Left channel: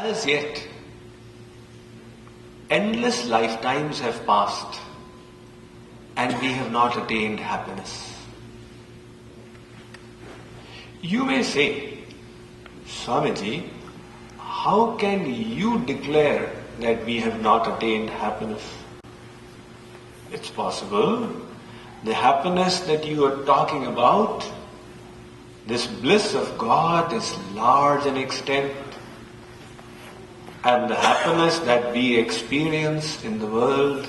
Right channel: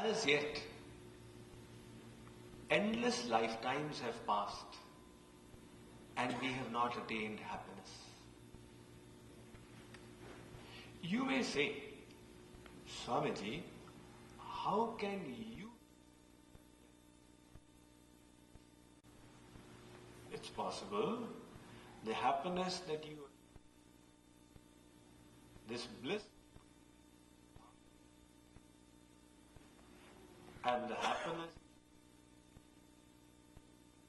As yet, endless lifetimes have passed and we have not attained happiness. You may say, Swamiji, how can you declare that we have not attained happiness? It's possible. The happiness that you are talking about, this bliss of God is large in extent, and the happiness that we experience in the world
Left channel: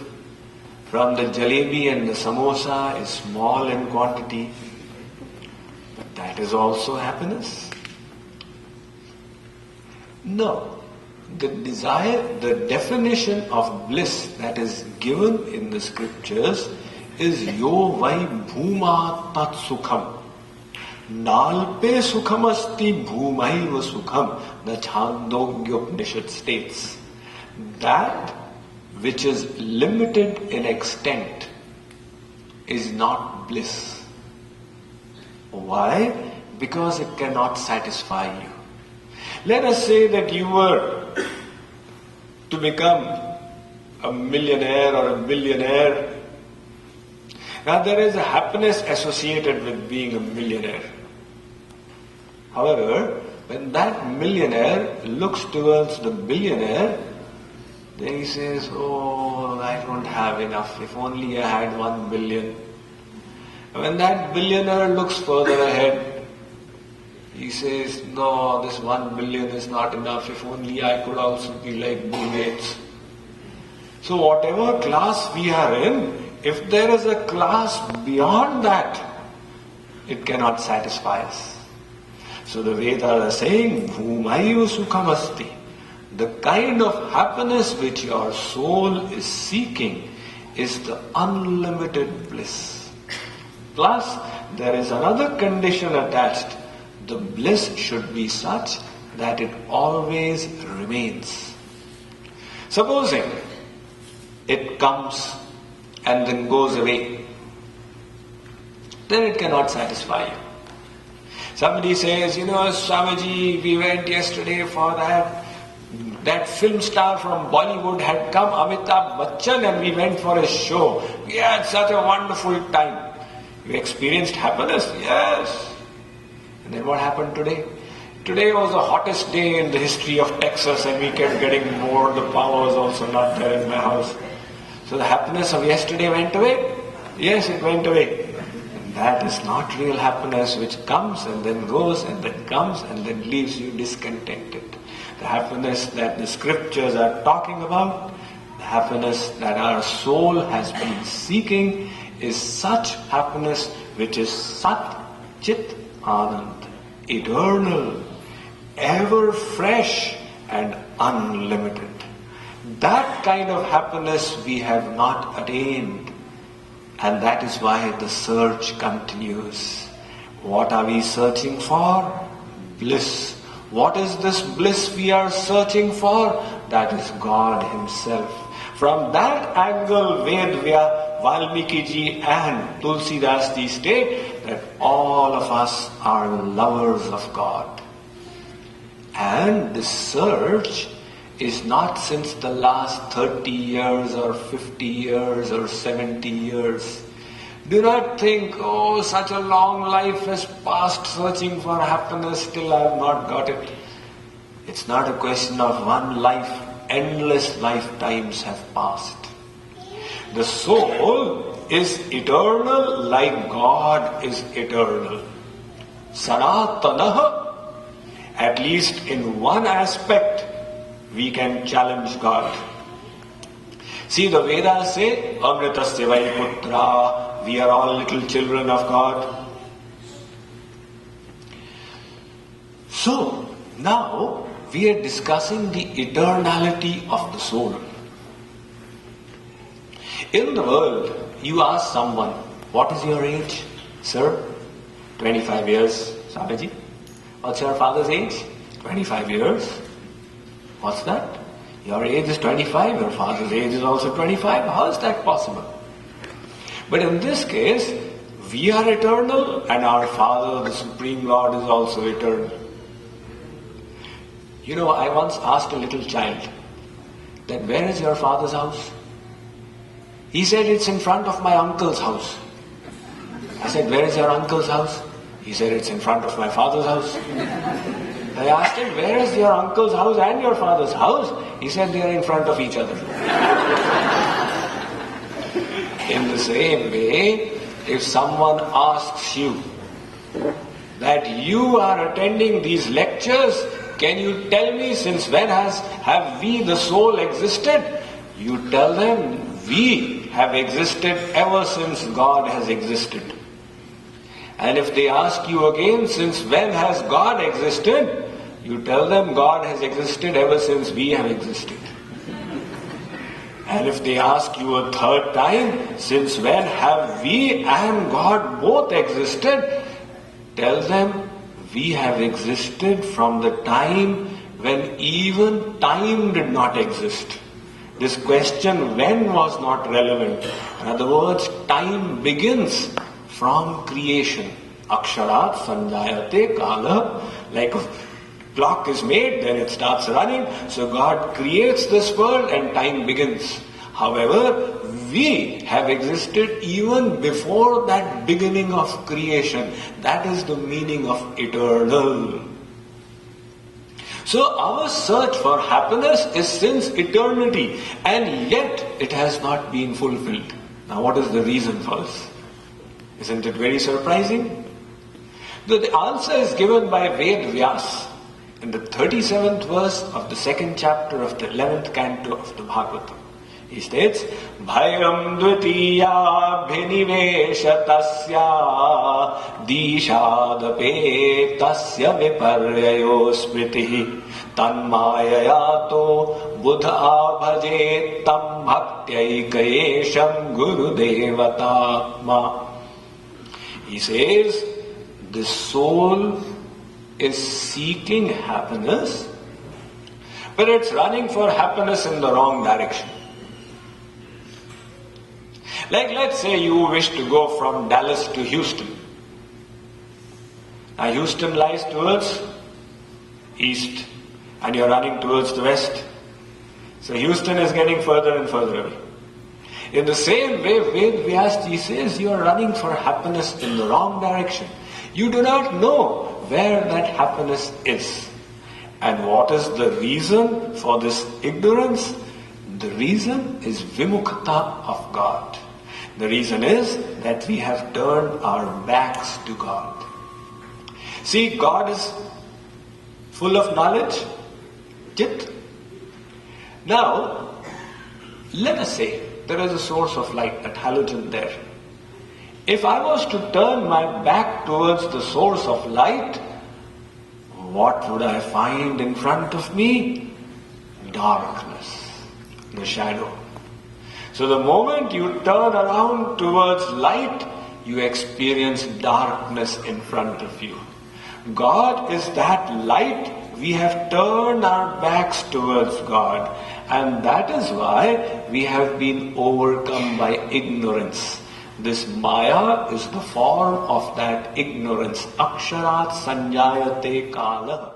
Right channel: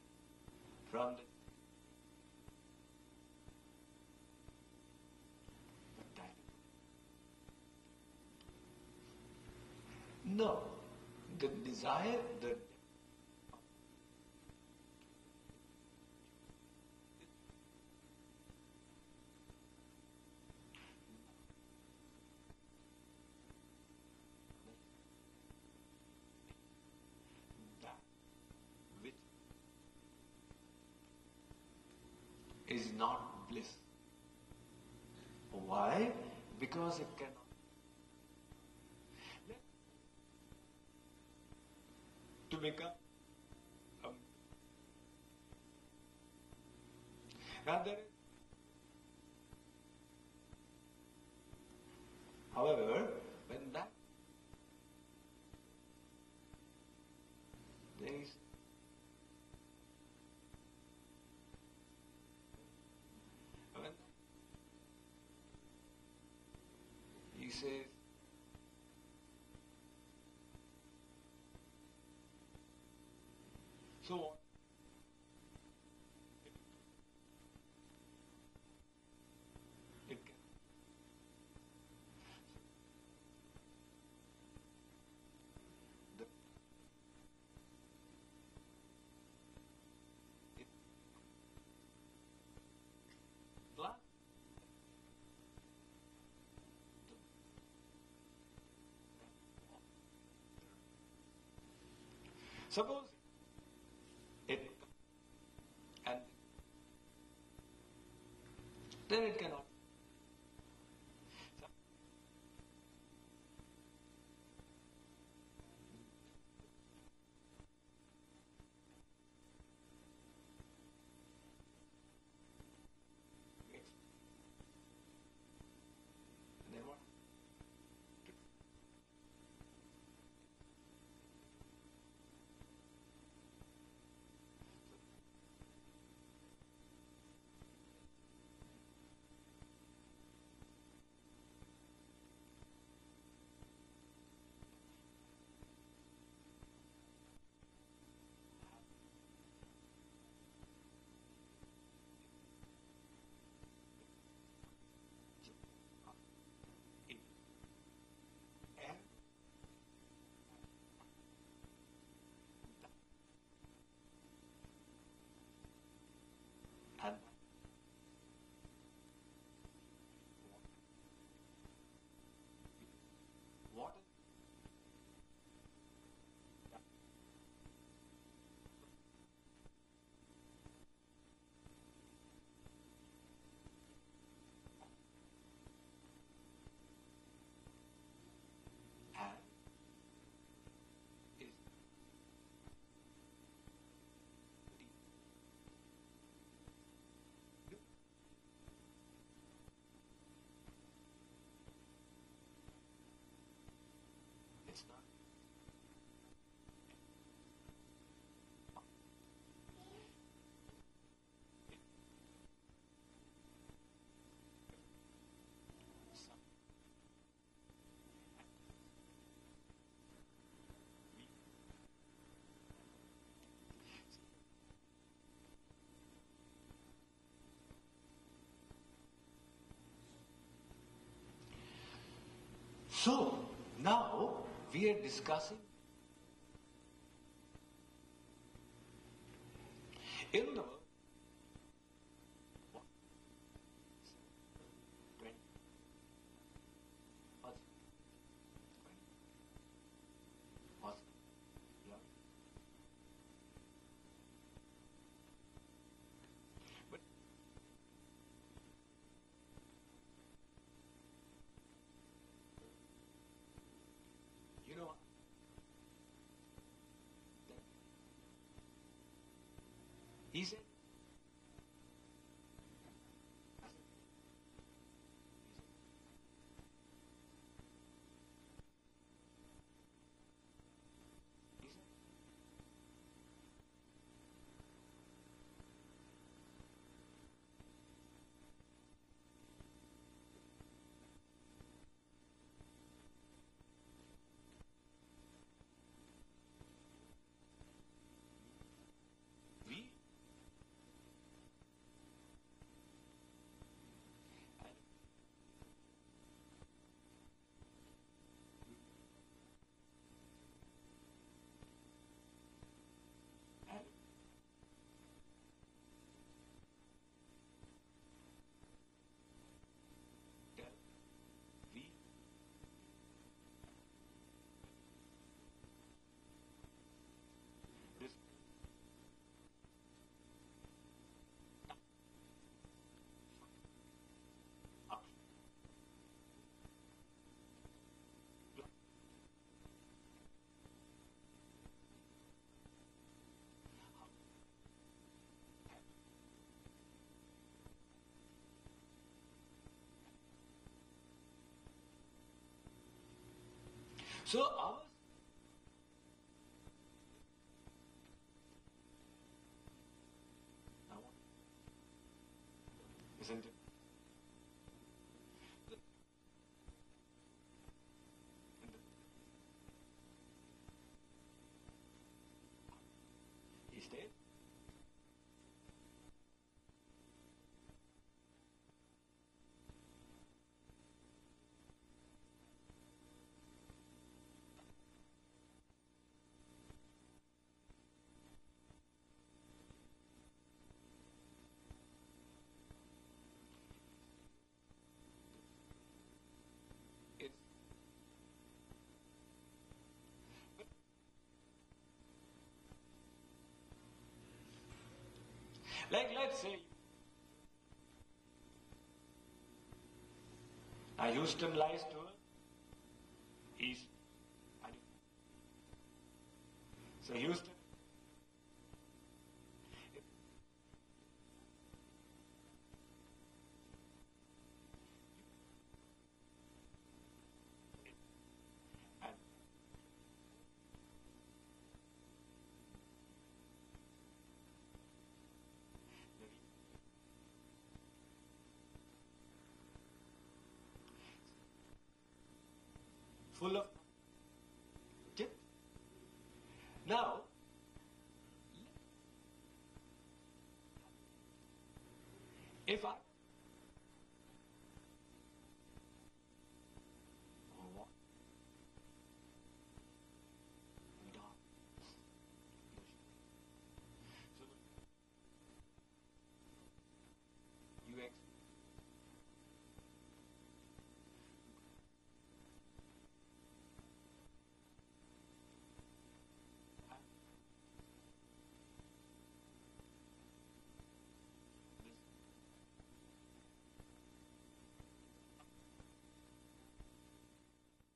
from the jalebi and the samosa is small in quantity, but that is also happiness. No. The definition of bliss that is given in the scriptures is yo vai bhuma tat sukham. Nalpe sukham asti bhumaiva sukham, the Chandogya Upanishad states. That which is limited in extent is not bliss. Why? Because it cannot satisfy you. Let us say that you were to become a millionaire or a billionaire. Now there is a happiness associated with being a millionaire. However, when that millionaire looks towards the billionaire, then he says, oh, I don't have enough. If only I had 1 billion. When that billionaire looks further ahead, he says, no, this 1 billion is not enough. If only I could also be like Bill Gates. So whatever class we are in, if there is a class beyond that, it cannot satisfy us. So the Vedas are saying, Bhumaiva sukham asti. The kind of happiness which your soul is seeking is the unlimited bliss. Plus, there is another condition attached. The bliss should be such that it always remains. Supposing it comes and then goes away, then it cannot satisfy you. Somebody says, Swamiji, we went yesterday for that film star from Bollywood had come, Amitabh Bachchan, and we went for a show. We had such a wonderful time. You experienced happiness? Yes. And then what happened today? Today was the hottest day in the history of Texas and we kept getting bored. The power was also not there in my house. So the happiness of yesterday went away? Yes, it went away. And that is not real happiness which comes and then goes and then comes and then leaves you discontented. The happiness that the scriptures are talking about, the happiness that our soul has been seeking is such happiness which is Sat Chit Anand, eternal, ever fresh and unlimited. That kind of happiness we have not attained, and that is why the search continues. What are we searching for? Bliss. What is this bliss we are searching for? That is God Himself. From that angle, Vedvya, Valmiki ji and Tulsidas ji state that all of us are lovers of God. And this search is not since the last 30 years or 50 years or 70 years. Do not think, oh, such a long life has passed searching for happiness, still I have not got it. It's not a question of one life, endless lifetimes have passed. The soul is eternal like God is eternal. Sanatanaha. At least in one aspect, we can challenge God. See, the Vedas say, Amritasya vai putra, we are all little children of God. So, now we are discussing the eternality of the soul. In the world, you ask someone, what is your age, sir? 25 years, Swamiji. What's your father's age? 25 years. What's that? Your age is 25, your father's age is also 25. How is that possible? But in this case, we are eternal and our Father, the Supreme Lord, is also eternal. I once asked a little child that, where is your father's house? He said, it's in front of my uncle's house. I said, where is your uncle's house? He said, it's in front of my father's house. I asked him, where is your uncle's house and your father's house? He said, they are in front of each other. In the same way, if someone asks you that you are attending these lectures, can you tell me since when have we the soul existed? You tell them, we have existed ever since God has existed. And if they ask you again, since when has God existed? You tell them, God has existed ever since we have existed. And if they ask you a third time, since when have we and God both existed? Tell them, we have existed from the time when even time did not exist. This question, when, was not relevant. In other words, time begins from creation. Aksharat sanjayate kala. Like a clock is made, then it starts running. So God creates this world and time begins. However, we have existed even before that beginning of creation. That is the meaning of eternal. So our search for happiness is since eternity, and yet it has not been fulfilled. Now what is the reason for this? Isn't it very surprising? The answer is given by Ved Vyas in the 37th verse of the 2nd chapter of the 11th canto of the Bhagavatam. He states, Bhayam dvitiya bhinivesha tasya dishadape tasya viparyayo smritihi tanmayayato buddha bhaje tam bhaktyayikayesham gurudevatatma. He says, the soul is seeking happiness, but it's running for happiness in the wrong direction. Like, let's say you wish to go from Dallas to Houston. Now Houston lies towards east and you're running towards the west. So Houston is getting further and further away. In the same way, Ved Vyasji says you are running for happiness in the wrong direction. You do not know where that happiness is. And what is the reason for this ignorance? The reason is vimukta of God. The reason is that we have turned our backs to God. See, God is full of knowledge, Chit. Now, let us say there is a source of light, that halogen there. If I was to turn my back towards the source of light, what would I find in front of me? Darkness, the shadow. So the moment you turn around towards light, you experience darkness in front of you. God is that light. We have turned our backs towards God, and that is why we have been overcome by ignorance. This Maya is the form of that ignorance. Aksharat sanjayate kala.